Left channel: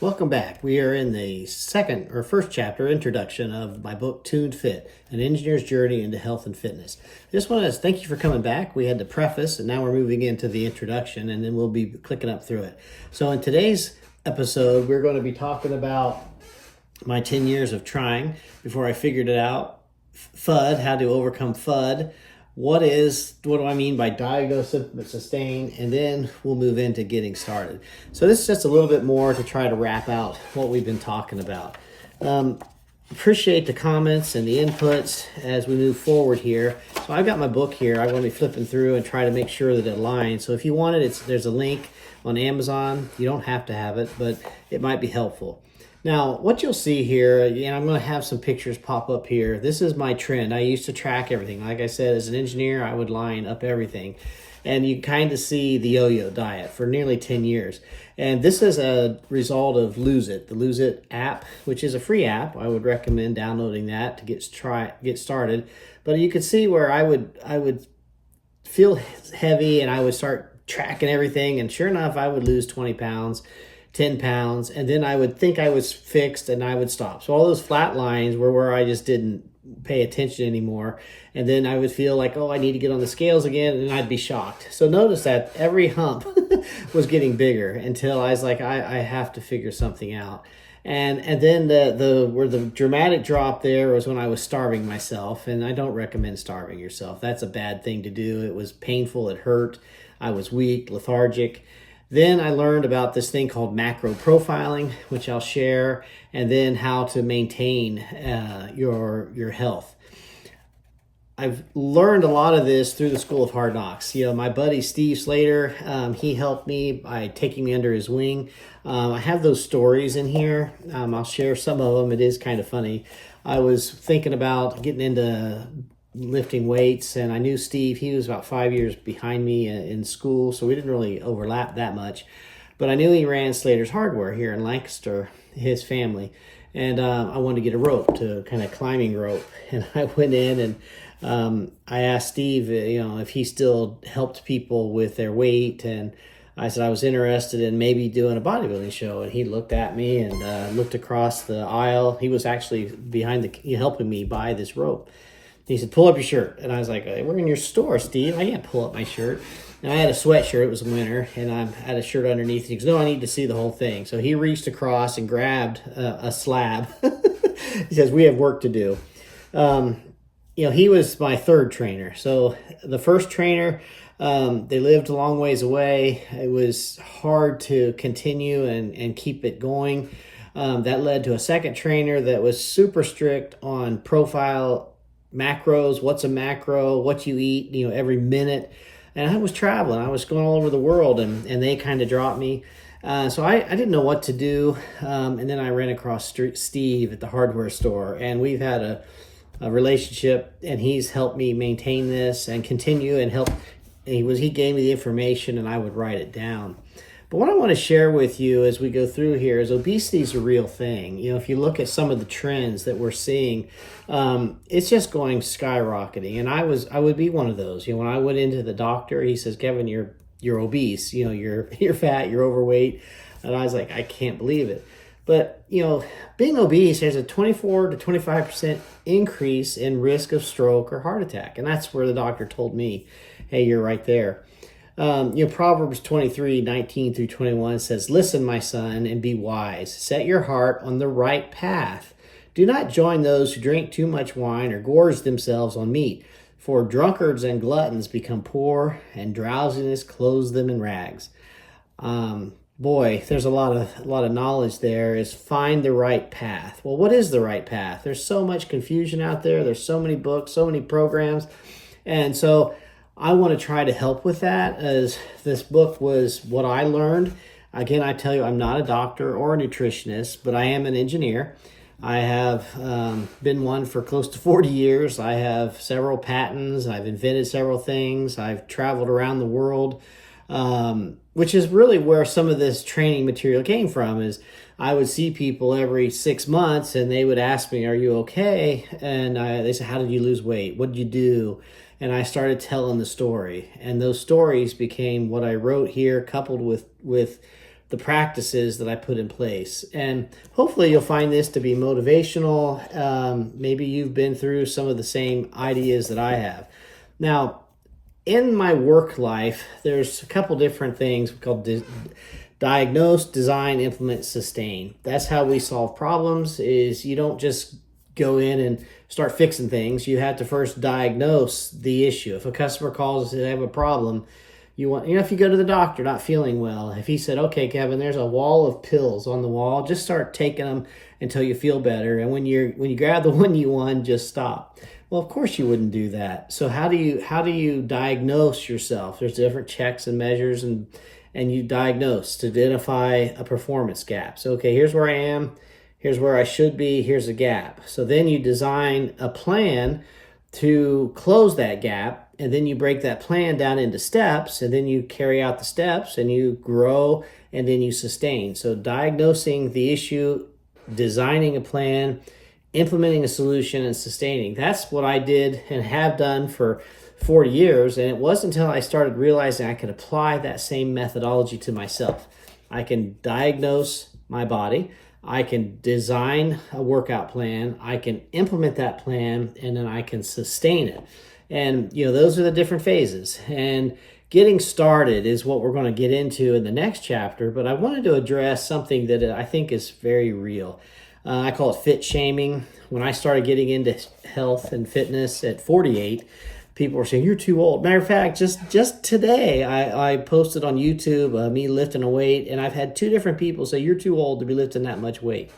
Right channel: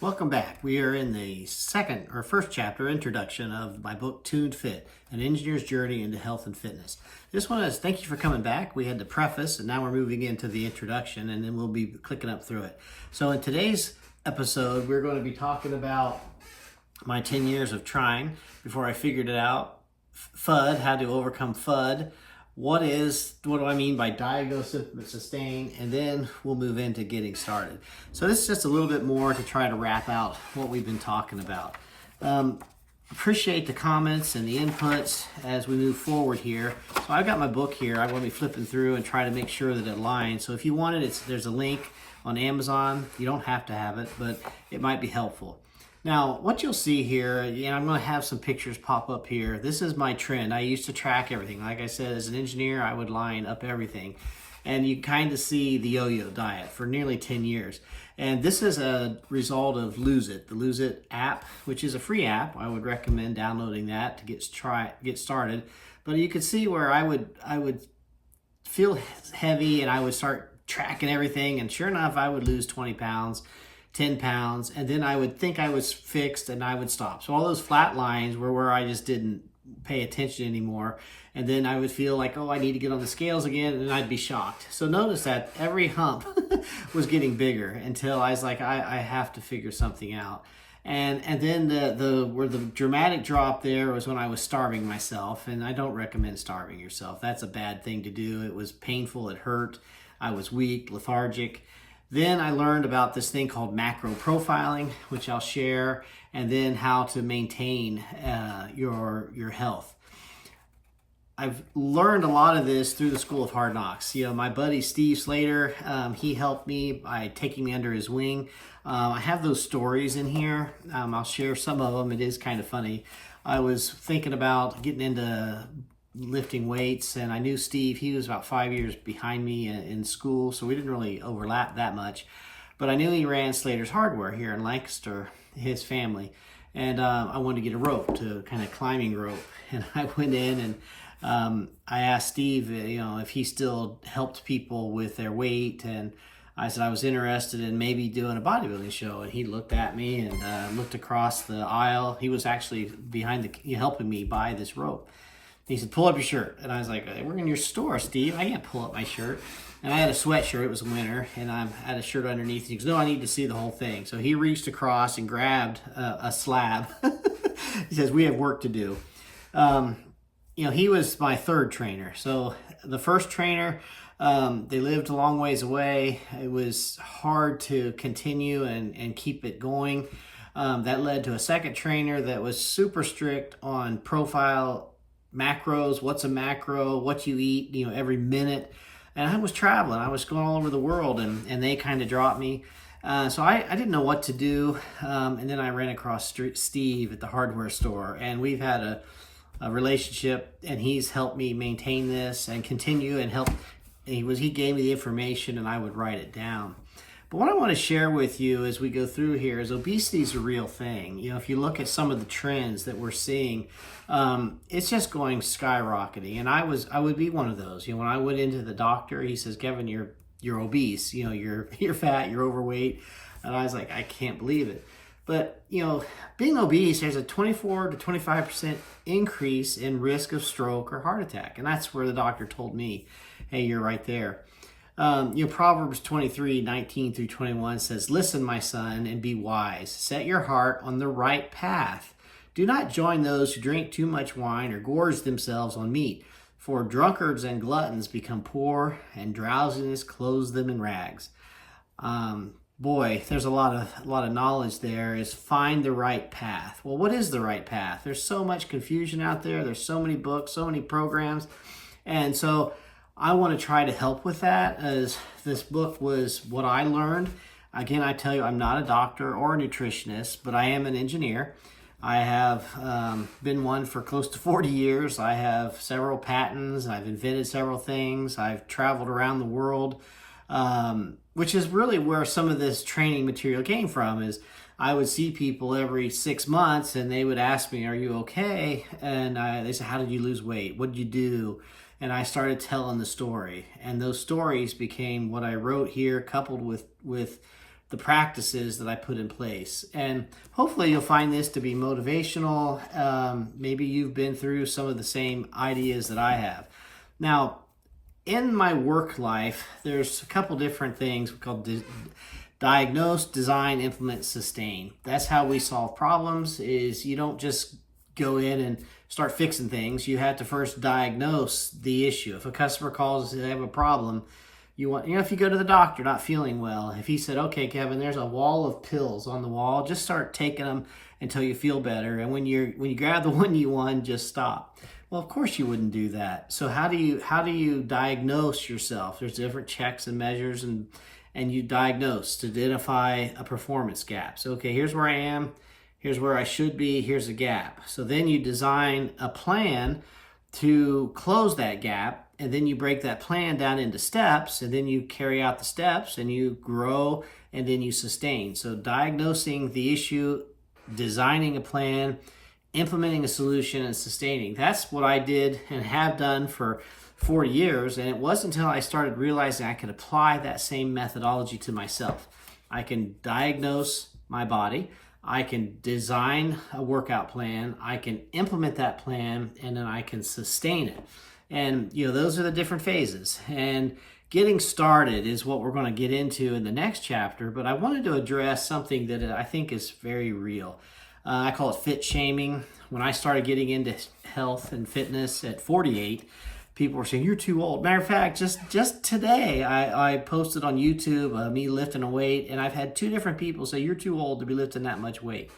Welcome back. We are in the first chapter, introduction of my book, Tuned Fit, An Engineer's Journey into Health and Fitness. I just want to thank you for coming back. We had the preface, and now we're moving into the introduction, and then we'll be clicking up through it. So in today's episode, we're going to be talking about my 10 years of trying before I figured it out, FUD, how to overcome FUD. What do I mean by diagnose, sustain, and then we'll move into getting started. So this is just a little bit more to try to wrap out what we've been talking about. Appreciate the comments and the inputs as we move forward here. So I've got my book here. I'm going to be flipping through and try to make sure that it aligns. So if you want it, there's a link on Amazon. You don't have to have it, but it might be helpful. Now, what you'll see here, and I'm going to have some pictures pop up here. This is my trend. I used to track everything. Like I said, as an engineer, I would line up everything. And you kind of see the yo-yo diet for nearly 10 years. And this is a result of Lose It, the Lose It app, which is a free app. I would recommend downloading that to get started. But you could see where I would feel heavy and I would start tracking everything. And sure enough, I would lose 20 pounds. 10 pounds, and then I would think I was fixed and I would stop. So all those flat lines were where I just didn't pay attention anymore. And then I would feel like, oh, I need to get on the scales again, and I'd be shocked. So notice that every hump was getting bigger until I was like, I have to figure something out. And then where the dramatic drop there was when I was starving myself, and I don't recommend starving yourself. That's a bad thing to do. It was painful, it hurt, I was weak, lethargic. Then I learned about this thing called macro profiling, which I'll share, and then how to maintain your health. I've learned a lot of this through the School of Hard Knocks. You know, my buddy Steve Slater, he helped me by taking me under his wing. I have those stories in here. I'll share some of them. It is kind of funny. I was thinking about getting into lifting weights, and I knew Steve. He was about 5 years behind me in school, so we didn't really overlap that much, but I knew he ran Slater's Hardware here in Lancaster, his family, and I wanted to get a rope, to kind of climbing rope, and I went in and I asked Steve, if he still helped people with their weight, and I said I was interested in maybe doing a bodybuilding show, and he looked at me and looked across the aisle. He was actually helping me buy this rope. He said, pull up your shirt. And I was like, we're in your store, Steve. I can't pull up my shirt. And I had a sweatshirt. It was winter. And I had a shirt underneath. He goes, no, I need to see the whole thing. So he reached across and grabbed a slab. He says, we have work to do. He was my third trainer. So the first trainer, they lived a long ways away. It was hard to continue and keep it going. That led to a second trainer that was super strict on profile macros, what's a macro, what you eat, every minute. And I was traveling. I was going all over the world, and they kind of dropped me. So I didn't know what to do. And then I ran across Steve at the hardware store, and we've had a relationship, and he's helped me maintain this and continue and help. He gave me the information, and I would write it down. But what I want to share with you as we go through here is obesity is a real thing. If you look at some of the trends that we're seeing, it's just going skyrocketing. And I would be one of those. When I went into the doctor, he says, Kevin, you're obese. You're fat. You're overweight. And I was like, I can't believe it. But being obese, there's a 24 to 25% increase in risk of stroke or heart attack, and that's where the doctor told me, hey, you're right there. Proverbs 23:19 through 21 says, listen, my son, and be wise. Set your heart on the right path. Do not join those who drink too much wine or gorge themselves on meat, for drunkards and gluttons become poor, and drowsiness clothes them in rags. Boy, there's a lot of knowledge there. Is find the right path. Well, what is the right path? There's so much confusion out there. There's so many books, so many programs, and so I want to try to help with that, as this book was what I learned. Again, I tell you, I'm not a doctor or a nutritionist, but I am an engineer. I have been one for close to 40 years. I have several patents. I've invented several things. I've traveled around the world, which is really where some of this training material came from. Is I would see people every 6 months, and they would ask me, are you okay? And they said, how did you lose weight? What did you do? And I started telling the story, and those stories became what I wrote here, coupled with the practices that I put in place. And hopefully you'll find this to be motivational. Maybe you've been through some of the same ideas that I have. Now, in my work life, there's a couple different things called diagnose, design, implement, sustain. That's how we solve problems. Is you don't just go in and start fixing things. You have to first diagnose the issue. If a customer calls and they have a problem, if you go to the doctor not feeling well, if he said, okay, Kevin, there's a wall of pills on the wall, just start taking them until you feel better. And when you grab the one you want, just stop. Well, of course you wouldn't do that. So how do you diagnose yourself? There's different checks and measures, and you diagnose to identify a performance gap. So, okay, here's where I am, here's where I should be, here's a gap. So then you design a plan to close that gap, and then you break that plan down into steps, and then you carry out the steps, and you grow, and then you sustain. So diagnosing the issue, designing a plan, implementing a solution, and sustaining. That's what I did and have done for 40 years. And it wasn't until I started realizing I could apply that same methodology to myself. I can diagnose my body. I can design a workout plan. I can implement that plan, and then I can sustain it. And, those are the different phases. And getting started is what we're going to get into in the next chapter. But I wanted to address something that I think is very real. I call it fit shaming. When I started getting into health and fitness at 48, people were saying, you're too old. Matter of fact, just today, I posted on YouTube me lifting a weight, and I've had 2 different people say, you're too old to be lifting that much weight.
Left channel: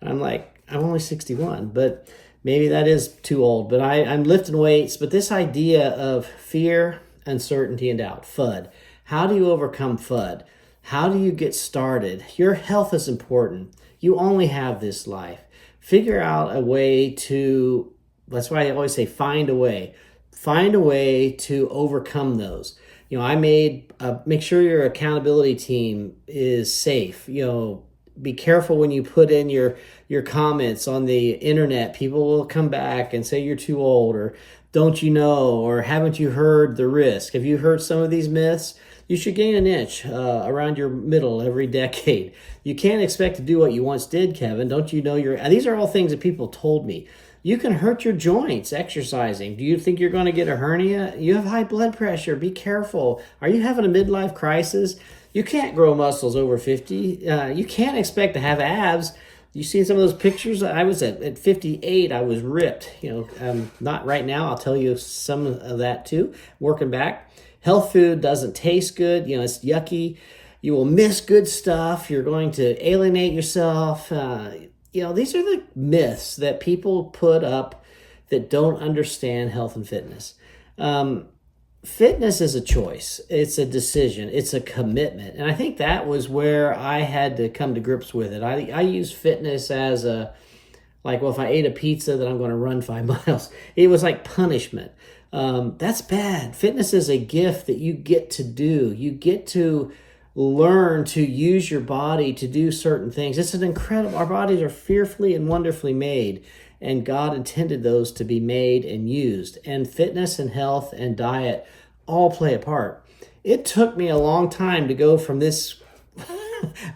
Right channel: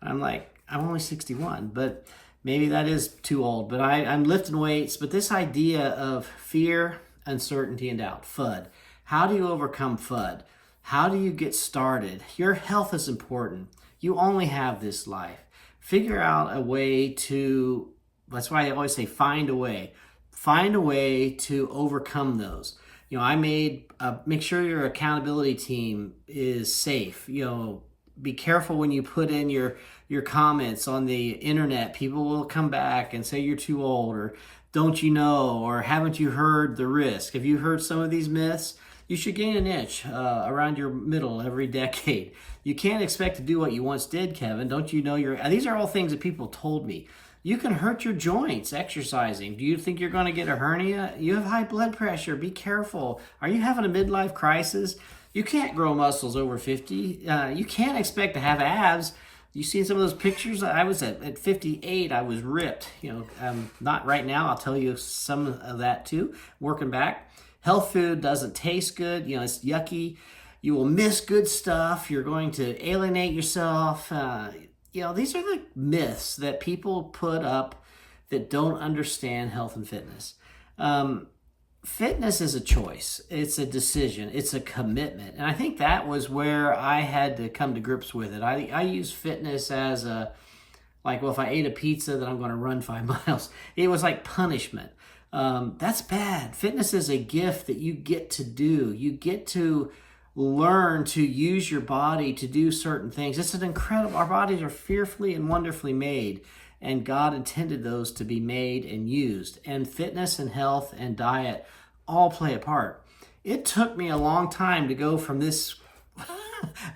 And I'm like, I'm only 61, but maybe that is too old. But I'm lifting weights. But this idea of fear, uncertainty, and doubt, FUD. How do you overcome FUD? How do you get started? Your health is important. You only have this life. Figure out a way to, that's why I always say find a way. Find a way to overcome those. I make sure your accountability team is safe. Be careful when you put in your comments on the internet. People will come back and say you're too old, or don't you know, or haven't you heard the risk? Have you heard some of these myths? You should gain an inch around your middle every decade. You can't expect to do what you once did, Kevin. Don't you know these are all things that people told me. You can hurt your joints exercising. Do you think you're going to get a hernia? You have high blood pressure. Be careful. Are you having a midlife crisis? You can't grow muscles over 50. You can't expect to have abs. You see some of those pictures? I was at 58. I was ripped. Not right now. I'll tell you some of that too. Working back. Health food doesn't taste good. It's yucky. You will miss good stuff. You're going to alienate yourself. These are the myths that people put up that don't understand health and fitness. Fitness is a choice. It's a decision. It's a commitment. And I think that was where I had to come to grips with it. I use fitness as if I ate a pizza, then I'm going to run 5 miles. It was like punishment. That's bad. Fitness is a gift that you get to do. You get to learn to use your body to do certain things. It's an incredible, our bodies are fearfully and wonderfully made, and God intended those to be made and used. And fitness and health and diet all play a part. It took me a long time to go from this,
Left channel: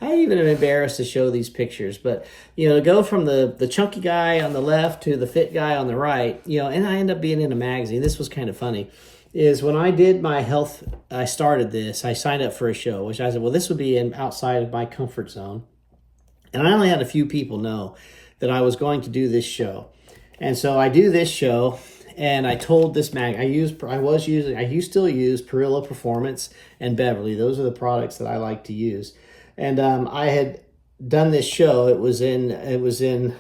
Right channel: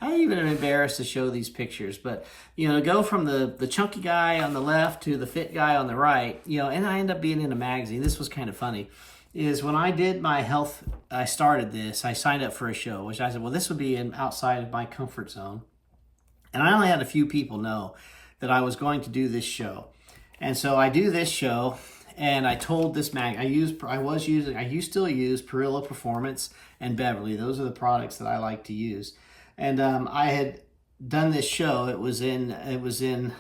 I even am embarrassed to show these pictures, but to go from the chunky guy on the left to the fit guy on the right, and I end up being in a magazine. This was kind of funny. Is when I did my health, I started this, I signed up for a show, which I said, well, this would be outside of my comfort zone. And I only had a few people know that I was going to do this show. And so I do this show, and I told this I still use Perillo Performance and Beverly. Those are the products that I like to use. And I had done this show. It was in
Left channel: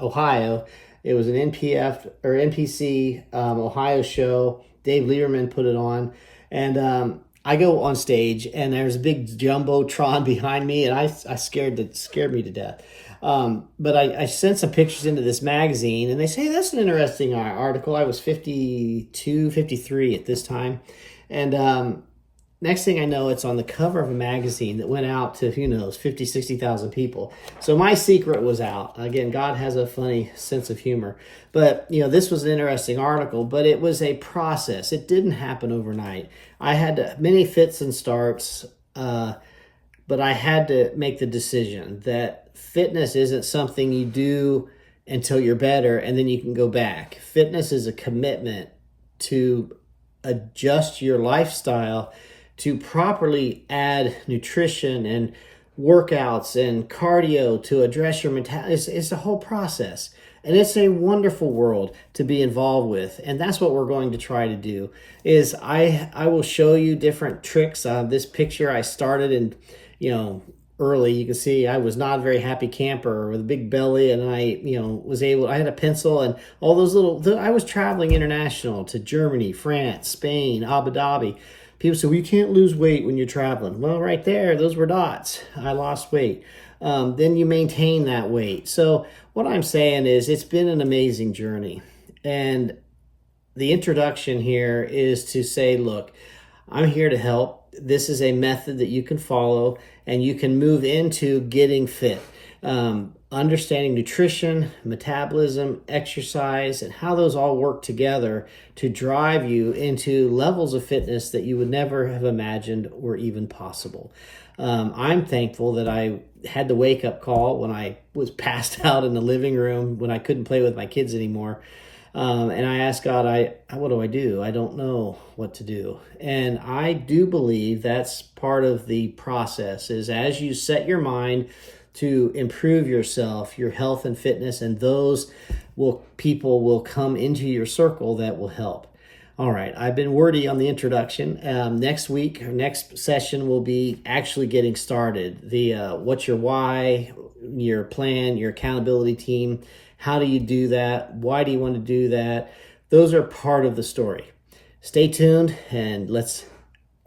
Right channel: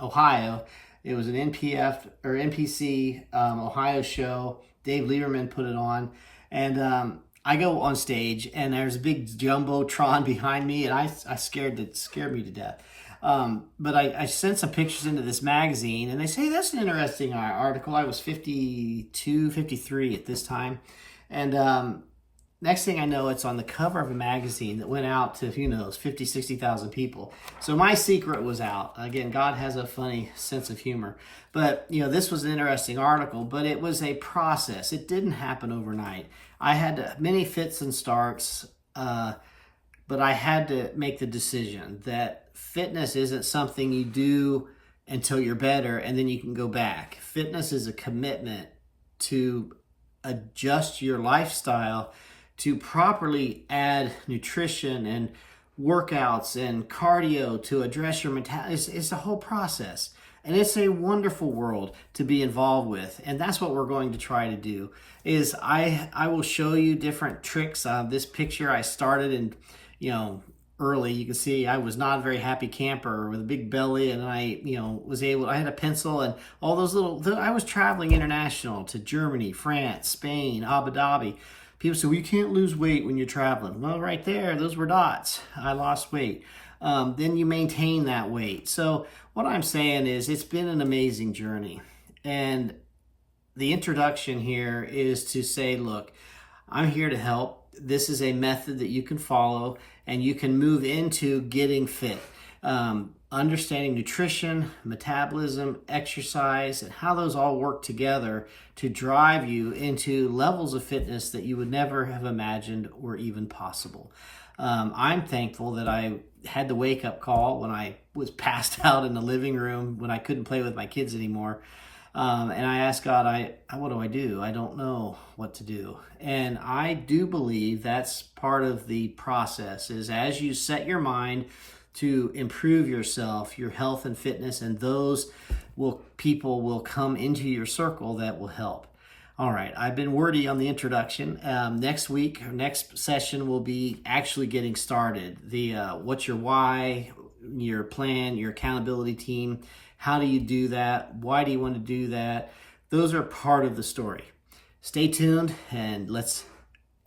Ohio. It was an NPC Ohio show. Dave Lieberman put it on, and I go on stage, and there's a big jumbotron behind me, and I scared me to death. But I sent some pictures into this magazine, and they say, that's an interesting article. I was 52, 53 at this time, and next thing I know, it's on the cover of a magazine that went out to, 50, 60,000 people. So my secret was out. Again, God has a funny sense of humor. But, this was an interesting article, but it was a process. It didn't happen overnight. I had many fits and starts, but but I had to make the decision that fitness isn't something you do until you're better and then you can go back. Fitness is a commitment to adjust your lifestyle to properly add nutrition and workouts and cardio to address your mentality. It's a whole process. And it's a wonderful world to be involved with. And that's what we're going to try to do is I will show you different tricks. This picture I started in, early. You can see I was not a very happy camper with a big belly, and I had a pencil and all those I was traveling international to Germany, France, Spain, Abu Dhabi. People say, well, you can't lose weight when you're traveling. Well, right there, those were dots. I lost weight. Then you maintain that weight. So what I'm saying is it's been an amazing journey. And the introduction here is to say, look, I'm here to help. This is a method that you can follow and you can move into getting fit. Understanding nutrition, metabolism, exercise, and how those all work together to drive you into levels of fitness that you would never have imagined were even possible. I'm thankful that I had the wake-up call when I was passed out in the living room when I couldn't play with my kids anymore. And I asked God, what do I do? I don't know what to do. And I do believe that's part of the process is as you set your mind to improve yourself, your health and fitness, and people will come into your circle that will help. All right, I've been wordy on the introduction. Next week, our next session will be actually getting started. What's your why, your plan, your accountability team. How do you do that? Why do you want to do that? Those are part of the story. Stay tuned and let's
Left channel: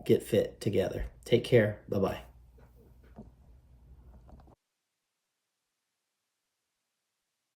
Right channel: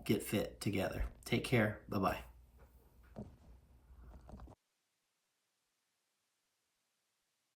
get fit together. Take care. Bye-bye.